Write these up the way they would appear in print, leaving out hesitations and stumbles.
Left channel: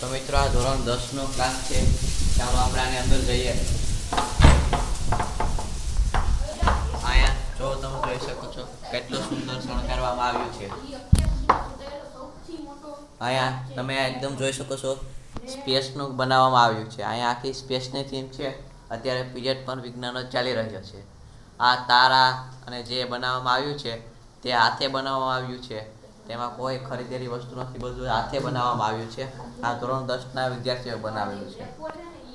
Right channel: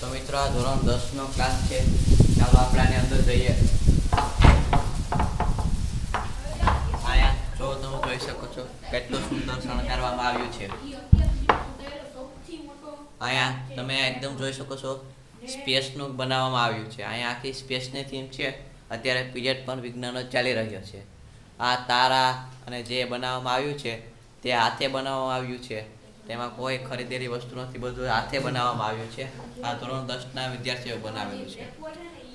તો મિત્રો આ ધોરણ 10 નો ક્લાસ છે. ચાલો આપણે આની અંદર જઈએ. આયા જો તમે જોઈ શકો છો કેટલું સુંદર શણગારવામાં આવ્યું છે. આયા તમે એકદમ જોઈ શકો છો સ્પેસ નું બનાવવામાં આવ્યું છે. આયા આખી સ્પેસ ની થીમ છે. અત્યારે પીરિયડ પણ વિજ્ઞાન જ ચાલી રહ્યો છે. આ તારા અને જે બનાવવામાં આવ્યું છે તે હાથે બનાવવામાં આવ્યું છે. તેમાં કોઈ ખરીદેલી વસ્તુ નથી, બધું હાથે બનાવવામાં આવ્યું છે. આ ધોરણ 10 ના વિદ્યાર્થીઓ બનાવેલું છે.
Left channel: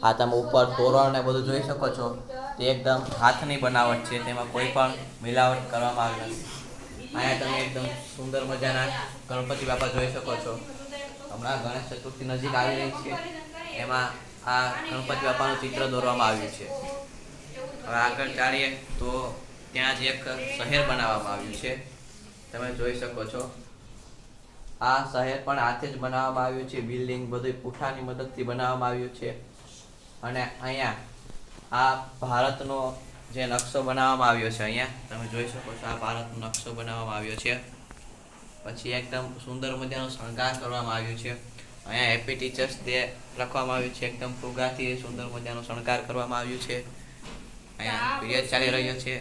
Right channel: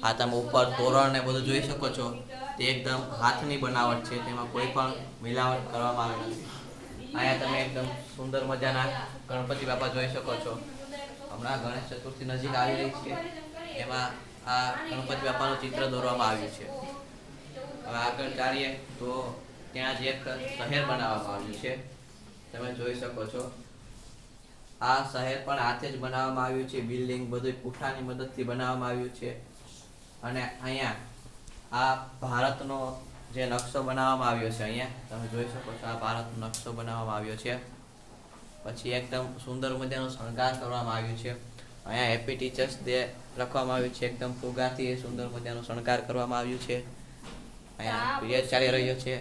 આ તમે ઉપર તોરણ ને બધું જોઈ શકો છો, તે એકદમ હાથની બનાવટ છે. તેમાં કોઈ પણ મિલાવટ કરવામાં આવી નથી. અહીંયા તમે એકદમ સુંદર મજાના ગણપતિ બાપા જોઈ શકો છો. હમણાં ગણેશ ચતુર્થી નજીક આવી રહી છે, એમાં આ ગણપતિ બાપાનું ચિત્ર દોરવામાં આવ્યું છે. હવે આગળ ચાલીએ તો ત્યાં જ એક શહેર બનાવવામાં આવ્યું છે, તમે જોઈ શકો છો. આ શહેર પણ હાથે જ બનાવવામાં આવ્યું છે. બિલ્ડિંગ બધું પૂઠાની મદદથી બનાવવામાં આવ્યું છે. અને અહીંયા આ ભારતનો જે નકશો બનાવવામાં આવ્યો છે, અહીંયા તમે જોઈ શકો છો આ ભારતનો નકશો બનાવવામાં આવ્યો છે. પછી એકદમ સુંદર મજાનો શણગાર કરવામાં આવ્યું છે. અહીંયા હેપી ટીચર્સ ડે લખવામાં આવ્યું છે. એકદમ ફુગાથી સુંદર મજાનો શણગાર કરવામાં આવ્યું છે. અહીંયા પીરિયડ ચાલી રહ્યો છે.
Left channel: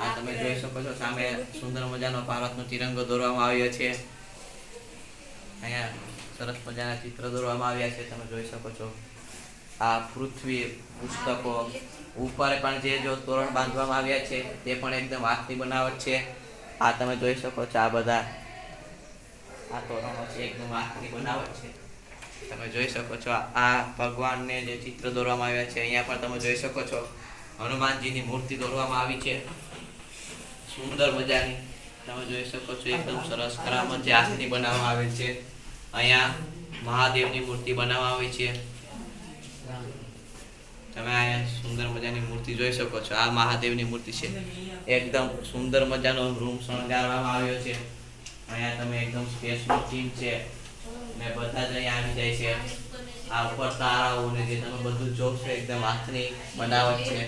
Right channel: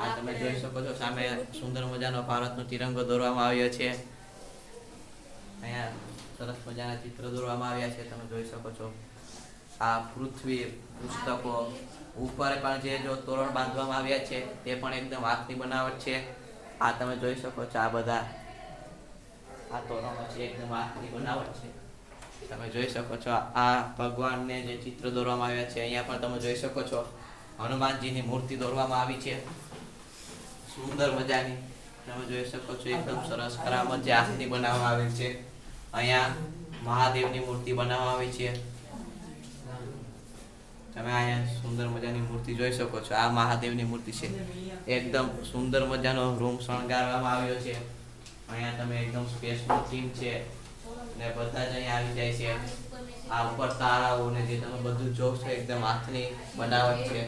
આ તમે જોઈ શકો છો સામે સુંદર મજાનો ભારતનો તિરંગો દોરવામાં આવ્યો છે. અહીંયા સરસ મજાના ચિત્ર દોરવામાં આવ્યા છે, તમે જોઈ શકો છો. આ પૃથ્વી પુસ્તકો ઉપર પણ જે જો તોરણ બાંધવામાં આવ્યા છે તે પણ એકદમ હાથની બનાવટ છે. આ તમે જોઈ શકો છો આ બધા આ તોરણો છે, એકદમ હાથની બનાવટ છે. તમે જોઈ શકો છો આ ભગવાનને જે ચિત્ર દોરવામાં આવ્યા છે. અહીંયા પણ તમે જોઈ શકો છો હનુમાનજીની મૂર્તિ દોરવામાં આવી છે, સુંદર મજાની. તમે જોઈ શકો છો એકદમ સરસ કરામત જે હાથની બનાવવામાં આવેલ છે. અહીંયા મહાદેવની મૂર્તિ બનાવવામાં આવી છે. તમે અહીંયા સુંદર મજાની મૂર્તિ જોઈ શકો છો. આ મહાદેવની મૂર્તિ છે. એકદમ સુંદર મજાનો રૂમ શણગારવામાં આવ્યો છે. અહીંયા તમે એકદમ સ્પેસનો થીમ છે ને બધા જ અહીંયા આવી જાય છે. આ ઉપર તારાઓ ને જે તમે બધું જોશો એકદમ હાથની બનાવટ છે.